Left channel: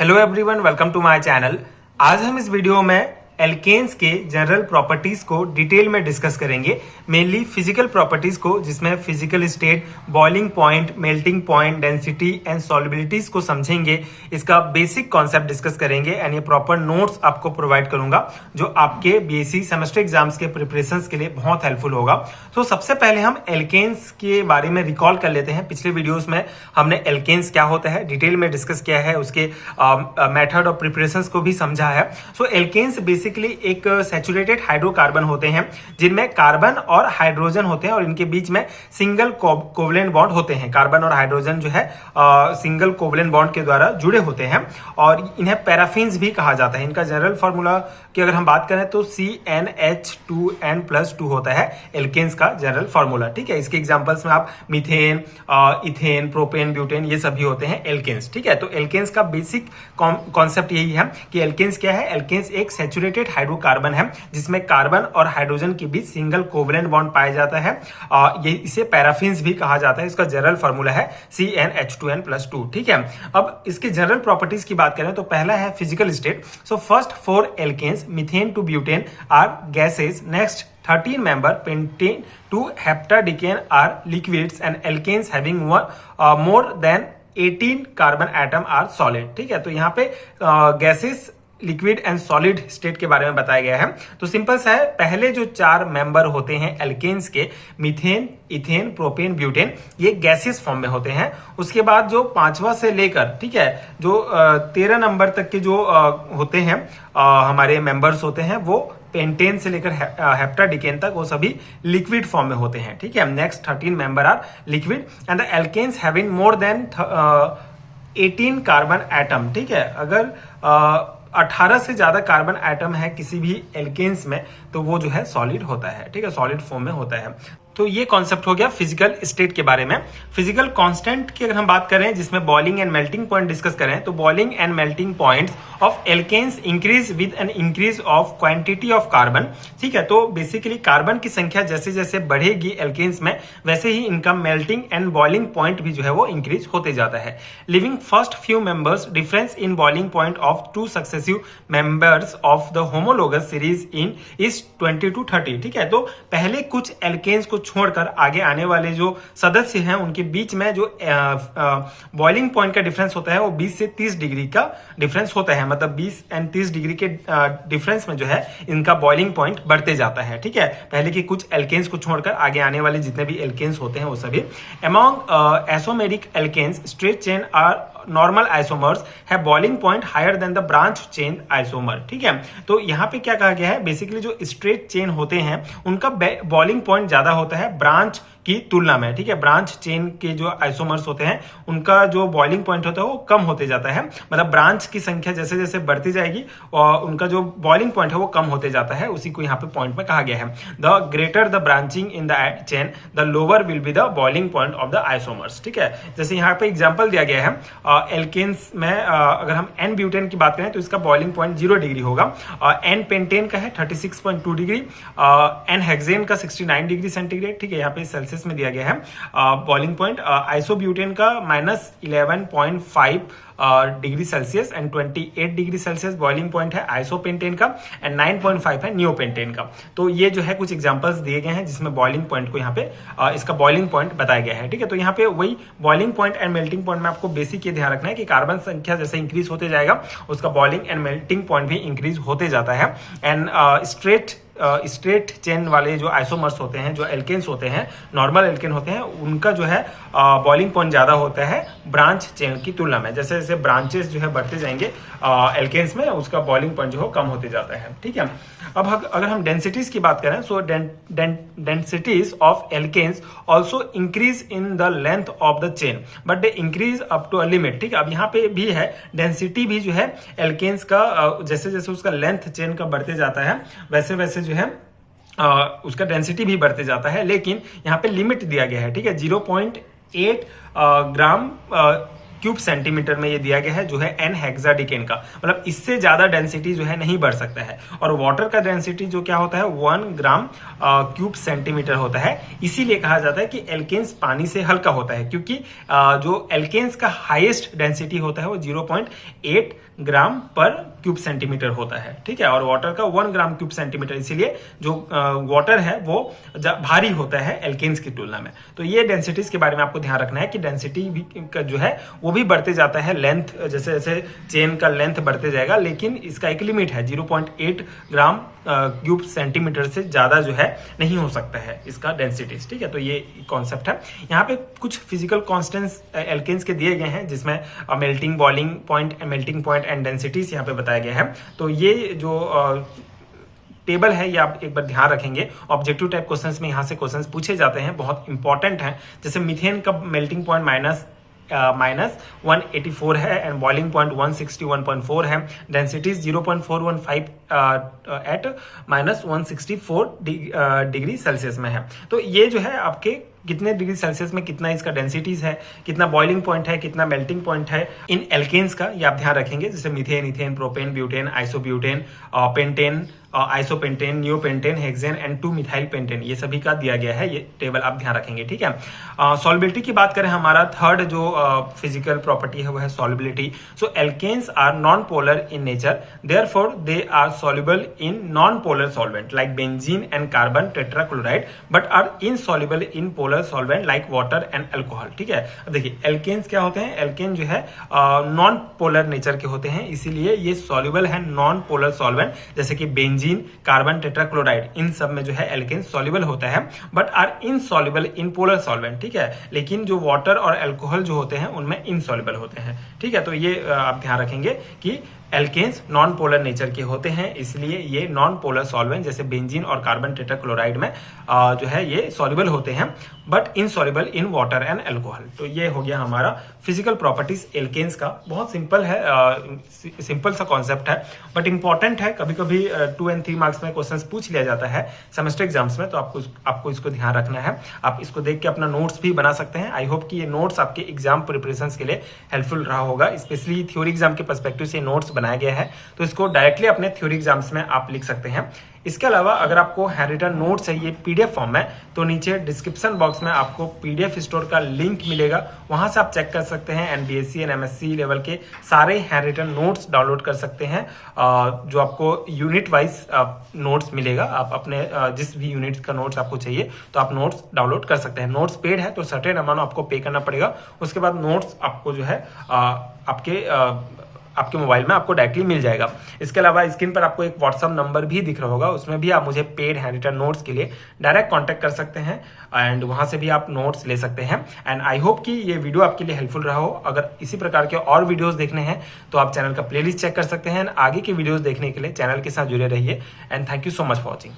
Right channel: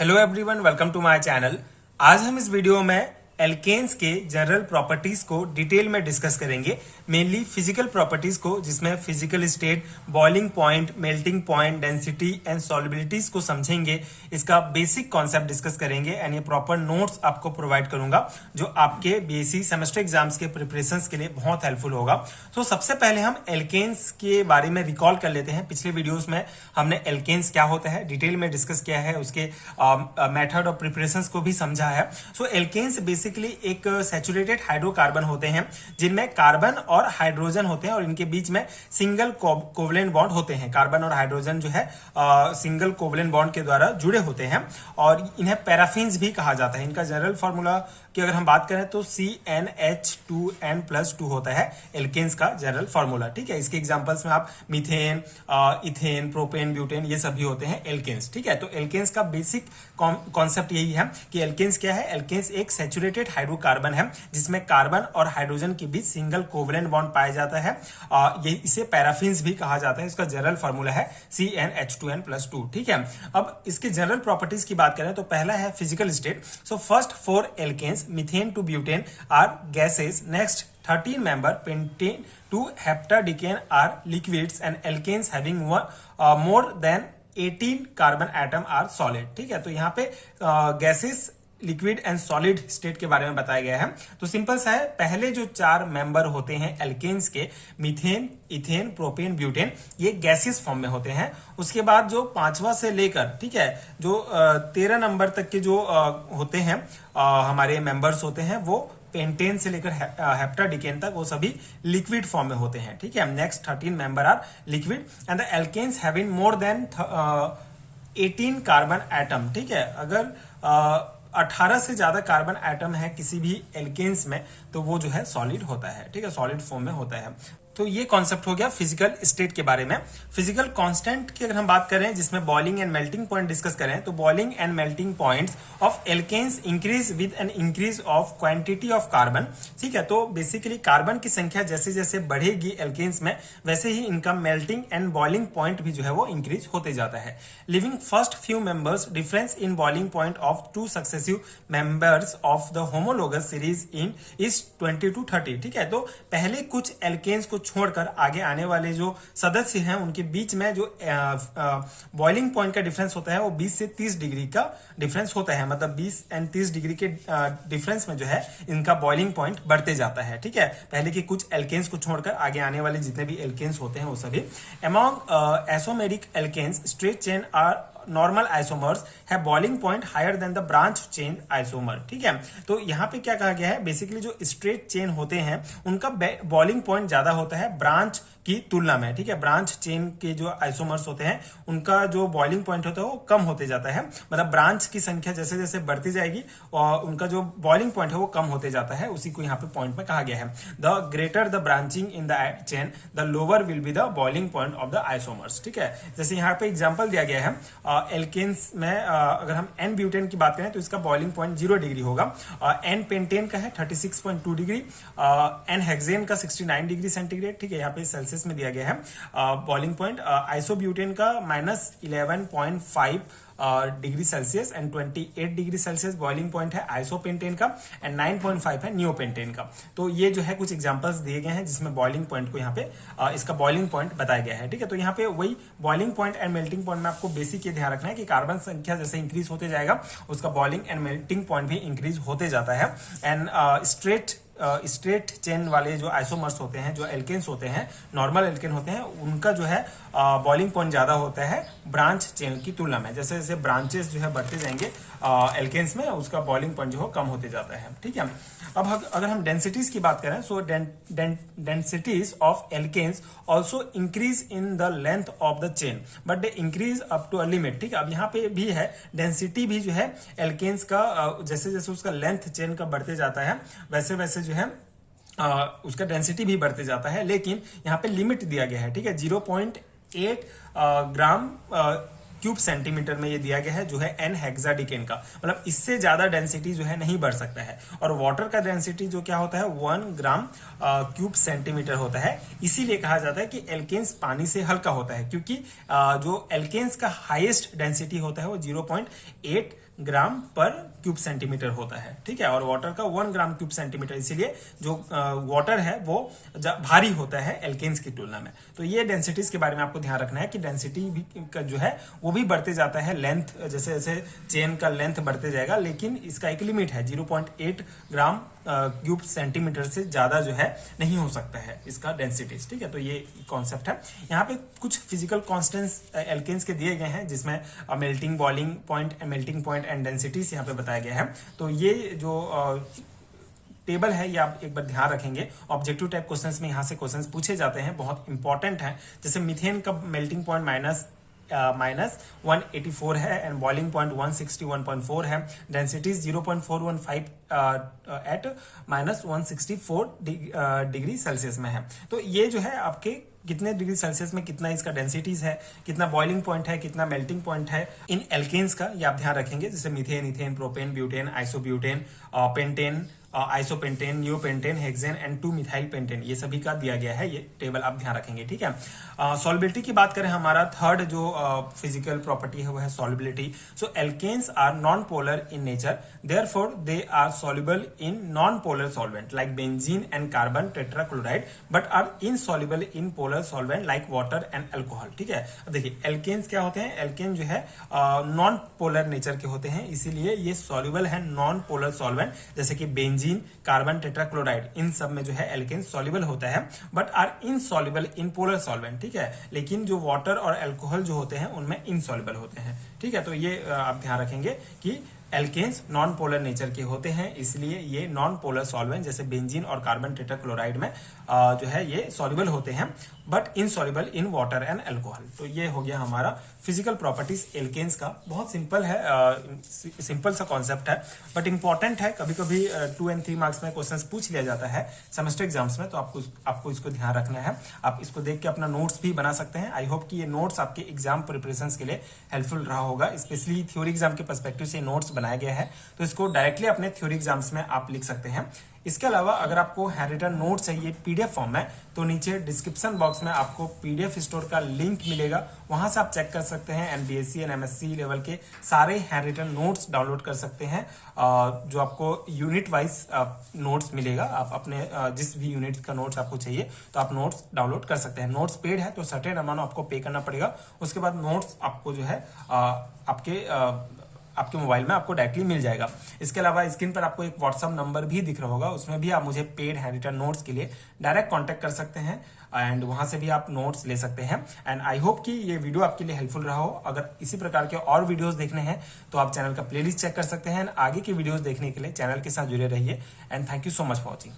Hello everyone, welcome to my channel. आज हम इस वीडियो में एल्केन्स के जनरल प्रॉपर्टीज को डिटेल में डिस्कस करेंगे। मेनली फिजिकल प्रॉपर्टीज को, जिसमें physical state, boiling point, melting point, density and solubilities को समझेंगे। इसका बेसिक कॉन्सेप्ट डिस्कस करेंगे एंड ये प्रॉपर नोट्स आपको प्रोवाइड करूंगा जो आपके बीएससी सेमेस्टर एग्जाम्स के प्रिपरेशंस के लिए बहुत हेल्पफुल होगा। तो सबसे पहले हम एल्केन्स के बारे में रिकॉल कर लेते हैं। पिछले वीडियोस में हमने एल्केन्स क्या होता है डिटेल में डिस्कस किया है, उसके मेथड ऑफ प्रिपरेशंस को भी समझा है। सो एल्केन्स बेसिकली एक सैचुरेटेड हाइड्रोकार्बन होते हैं जिनमें कार्बन और हाइड्रोजन होते हैं और इनके बीच में सिंगल कोवलेंट बॉन्ड होते हैं। कार्बन और हाइड्रोजन जो है सिंगल कोवलेंट बॉन्ड के द्वारा जुड़े होते हैं और इन्हें पैराफिन्स भी कहा जाता है। इनका जनरल फॉर्मूला की अगर हम बात करें तो CnH2n+2 होता है एल्केन्स का जनरल फॉर्मूला। ठीक है, इसके एग्जांपल्स में आप मीथेन, इथेन, प्रोपेन, ब्यूटेन ये सभी होते हैं एल्केन्स। ठीक है, तो एल्केन्स का बेसिक कॉन्सेप्ट यही है कि एल्केन्स क्या है। एल्केन्स एक सैचुरेटेड हाइड्रोकार्बन है जिसमें कार्बन और हाइड्रोजन के बीच सिंगल कोवलेंट बॉन्ड पाया जाता है। ये इसे पैराफिन्स भी कहा जाता है। इसका जनरल फॉर्मूला है CnH2n+2। ठीक है, अब इसके जनरल प्रॉपर्टीज की बात करें तो पहला है physical state. So first 4 alkanes methane to butane are gases. Next 13 member pentane to heptadecane are liquids and alkanes having more than 18 carbon atom are solid। ठीक है, तो यहाँ पे gases, liquid and solid state के बारे में बताया गया है। तो सिंपल सा है, पहले जो 4 मेंबर होते हैं एल्केन्स के, मीथेन, इथेन, प्रोपेन, ब्यूटेन, ये गैसियस फॉर्म में होते हैं। उसके बाद जो 5वां से लेकर, ठीक है, जो 13 नंबर तक के जो होते हैं हमारे मेंबर्स होते हैं, वो पेंटेन से लेकर हेप्टाडिकेन तक वो सभी लिक्विड फॉर्म में होते हैं। ठीक है, next 13 member are liquid and the alkanes having more than 18 carbon atom. ठीक है, अगर 18 से ज्यादा कार्बन एटम है किसी भी एल्केन्स में तो वो जो है सॉलिड होता है। ठीक है, सॉलिड फॉर्म में होता है। तो ये कॉन्सेप्ट हो गया फिजिकल स्टेट के बारे में। फिजिकल कांस्टेंट की अगर हम बात करें जिसमें boiling and melting point discuss करें तो boiling and melting points of alkanes increase with an increase of quantity of carbon. ठीक है, तो बेसिकली कार्बन की संख्या जैसे जैसे बढ़ेगी एल्केन्स में वैसे ही इनका मेल्टिंग एंड बॉइलिंग पॉइंट भी जो है वो इंक्रीज होते जाता है। Living first few members difference in boiling point of 2 successive members of the homologous series in is 20 to 30। ठीक है, तो पहले कुछ एल्केन्स को छोड़कर आगे आने वाले जो सदस्य हैं उनके बीच में जो बॉइलिंग पॉइंट का डिफरेंस होता है वो 20 से 30 डिग्री का डिफरेंस होता है। मतलब 20 एंड 30 डिग्री के डिफरेंस में जो है इनका बॉइलिंग पॉइंट बढ़ते जाता है। ठीक है, पहले की कुछ एल्केन्स को छोड़कर आगे आने वाले जितने भी एल्केन्स होते हैं वो सभी। Among isomeric alkanes straight chain are normal isomers है boiling point higher than the branch chain isomer. ठीक है, तो यहाँ पे क्या कहा गया है, बेसिकली जो स्ट्रेट चेन होते हैं उनका बॉइलिंग पॉइंट ज्यादा होता है ब्रांच की तुलना में। ठीक है, ब्रांच चेन के जो आइसोमर्स होते हैं उनका जो बॉइलिंग पॉइंट होता है वो कम होते जाता है। मतलब ब्रांच की संख्या जैसे जैसे बढ़ती जाएगी और उनका जो बॉइलिंग पॉइंट है वो कम होते जाता है। उसी को यहाँ पे पॉइंट में कहा गया है। The greater the branching in the chain the lower will be the boiling point of the isomers. ठीक है, जैसे यहाँ पे एग्जाम्पल दिया गया है एल्केन्स में अगर हम एन ब्यूटेन की बात करें तो इसका बॉइलिंग पॉइंट 0 डिग्री होगा। एन पेंटेन का है 36.2 डिग्री, एन हेक्सेन का 69 डिग्री सेंटीग्रेड। ठीक है, यहाँ पे सेल्सियस में दिया गया है बॉइलिंग पॉइंट। आइसोब्यूटेन का -11.5 degree Celsius and 28 degree Celsius boiling point है आइसोपेंटेन का एंड 9.5 है नियोपेंटेन का। तो ये जो है कुछ एग्जांपल्स दिए गए हैं जिसमें बॉइलिंग पॉइंट को यहाँ पे इसका बॉइलिंग पॉइंट बताया गया है। ठीक है, तो यहाँ पे वही boiling point and melting point में आपको बेसिक ये ध्यान रखना है कि कार्बन संख्या जैसे इंक्रीज होते जाएगा उसका बॉइलिंग एंड मेल्टिंग पॉइंट भी इंक्रीज होते जाता है। एंड स्ट्रेट चेन वाले जो आइसोमर्स होते हैं, जो एल्केन्स होते हैं, नॉर्मल एल्केन होते हैं, उनका जो है बॉइलिंग पॉइंट ज्यादा होता है ब्रांच चेन की तुलना में। जैसे जैसे ब्रांचेस जो है बढ़ते जाएंगे एल्केन्स में उसका बॉइलिंग पॉइंट जो है कम होते जाता है। ठीक है, अब अगर हम डेंसिटीज की बात करें so densities of alkanes also increase in the length of the chain but they increase up to a limit. ठीक है, अब यहाँ पे भी है डेंसिटी भी जो है एल्केन्स का जैसे जैसे उसका लेंथ चेन का बढ़ते जाता है वैसे वैसे जो है उसका डेंसिटी भी बढ़ते जाता है, लेकिन यहाँ पे लिमिट दिया गया है। ठीक है, 0.8 ग्राम क्यूब सेंटीमीटर में ये दिया गया है, जो है n हेक्साडिकेन का, मतलब इससे ज्यादा डेंसिटी जो है नहीं बढ़ सकता है। और वाटर का डेंसिटी जो क्या होता है 1 ग्राम क्यूब सेंटीमीटर होता है। इसीलिए कहा जाता है कि एल्केन्स पानी से हल्का होता है, क्योंकि जो एल्केन्स का हाईएस्ट डेंसिटी होता है वो 0.8 ग्राम पर क्यूब सेंटीमीटर होता है, ठीक है, और वाटर का 1 ग्राम क्यूब सेंटीमीटर, इसीलिए जो वाटर है वो भारी होता है एल्केन्स की तुलना में। तो ये डेंसिटीज के बारे में आपको ध्यान रखना है कि डेंसिटी भी का जो है वो भी बढ़ते जाता है, लेंथ जैसे जैसे चेन का लेंथ बढ़ते जाएगा, लेकिन इसका एक लिमिट है, 0.8 ग्राम क्यूब सेंटीमीटर से ज्यादा जो है नहीं हो सकता है इसका डेंसिटीज, ठीक है। तो ये कॉन्सेप्ट है। यहाँ पे कुछ फिजिकल कॉन्स्टेंट्स एल्केन्स के दिए गए हैं, जिसमें melting boiling point and densities यहाँ पे बताया गया है। तो ये जो टेबल है ये आप एक बार ध्यान रखेंगे, ऑब्जेक्टिव टाइप क्वेश्चंस में यहाँ से क्वेश्चंस पूछे जाते हैं, बहुत इंपॉर्टेंट है। जैसे मीथेन का मेल्टिंग पॉइंट माइनस 184 है एंड बॉइलिंग पॉइंट 161.4 है, डेंसिटी 0.415 एट -164 डिग्री सेल्सियस में है। तो ये जो है आपके कितने डिग्री सेल्सियस में कितना इसका डेंसिटीज है, कितना बॉइलिंग पॉइंट है, कितना मेल्टिंग पॉइंट है इन एल्केन्स का, ये आप ध्यान रखेंगे। जैसे methane, ethane, propane, butane, isobutane, pentane, isopentane, neopentane, hexane and 2-मिथाइल पेंटेन, ये सभी का दिया गया है, ये टेबल आप ध्यान रखेंगे, ठीक है। सॉल्युबिलिटी की बात करें, हमारा थर्ड जो फिजिकल प्रॉपर्टी है वो है solubility. So alkanes are non polar in nature, therefore they are soluble in non polar solvent like benzene and carbon tetrachloride, but are insoluble in polar solvent like water and alcohol, ठीक है। अब देखिए alkanes क्या होते हैं, alkene जो है non polar nature के होते हैं, इसीलिए ये सॉल्युबल है नॉन पोलर सॉल्वेंट, जैसे कि बेंजीन, कार्बन टेट्राक्लोराइड, इन सब में जो है एल्केन सॉल्युबल होता है, but are insoluble in polar solvent, ठीक है। लेकिन जो वाटर और अल्कोहल जो होते हैं उनमें इनसॉल्युबल होते हैं, ठीक है। तो ये आप ध्यान रखेंगे कि एल्केन्स नॉन पोलर नेचर के होते हैं, इसलिए ये नॉन पोलर सॉल्वेंट जैसे बेंजीन और कार्बन टेट्राक्लोराइड में जो है ये सॉल्युबल होते हैं, but insoluble in water and alcohol. तो ये हो गया हमारा फिजिकल प्रॉपर्टीज एल्केन्स का। बहुत सिंपल है, सिंपल सा कॉन्सेप्ट है, बट इंपॉर्टेंट है। कभी कभी 2 और 3 मार्क्स में क्वेश्चंस पूछ लिया जाता है सेमेस्टर एग्जाम्स में, तो आपको इसको ध्यान रखना है। आप इसको देख के अपना नोट्स भी बना सकते हैं। आई होप कि ये नोट्स आपके एग्जाम प्रिपरेशन के लिए हेल्पफुल रहा होगा, स्पेशली थ्योरी एग्जाम के पर्सपेक्टिव से नोट्स बनाया गया है, तो इसको डायरेक्टली अपने थ्योरी एग्जाम्स में आप लिख सकते हैं। इसके अलावा अगर आपको हैंड रिटन नोट चाहिए पीडीएफ फॉर्म में, तो नीचे डिस्क्रिप्शन बॉक्स में आपको पीडीएफ स्टोर का लिंक मिलेगा, वहां से आप चेक कर सकते हैं and BSc and MSc level के सारे हैंड रिटन नोट्स डाउनलोड कर सकते हैं, जो आपको यूनिट वाइज नोट्स मिलेगा। आप अपने जिस भी यूनिट का नोट्स आपको चाहिए तो आप नोट्स डाउनलोड कर सकते हैं। नोट्स पेड है तो सर्टेन अमाउंट आपको पे करना पड़ेगा, उसके बाद नोट्स आपको जो है आपके मोबाइल में आपको डायरेक्टली मिल जाएगा। इसके अलावा स्क्रीन पर आपको एक व्हाट्सअप नंबर भी दिख रहा होगा, उसमें भी आप मुझे पेड हैंड रिटन नोट्स के लिए डायरेक्ट कांटेक्ट कर सकते हैं एंड वहां से भी आप नोट्स ले सकते हैं। एंड आई होप कि ये वीडियो आपके लिए हेल्पफुल रहा हो। अगर इसी प्रकार के और वीडियोस देखने हैं तो आप चैनल का प्लेलिस्ट चेक कर सकते हैं। आगे के वीडियोस देखने के लिए चैनल के साथ जुड़े रहिए and thank you so much for watching.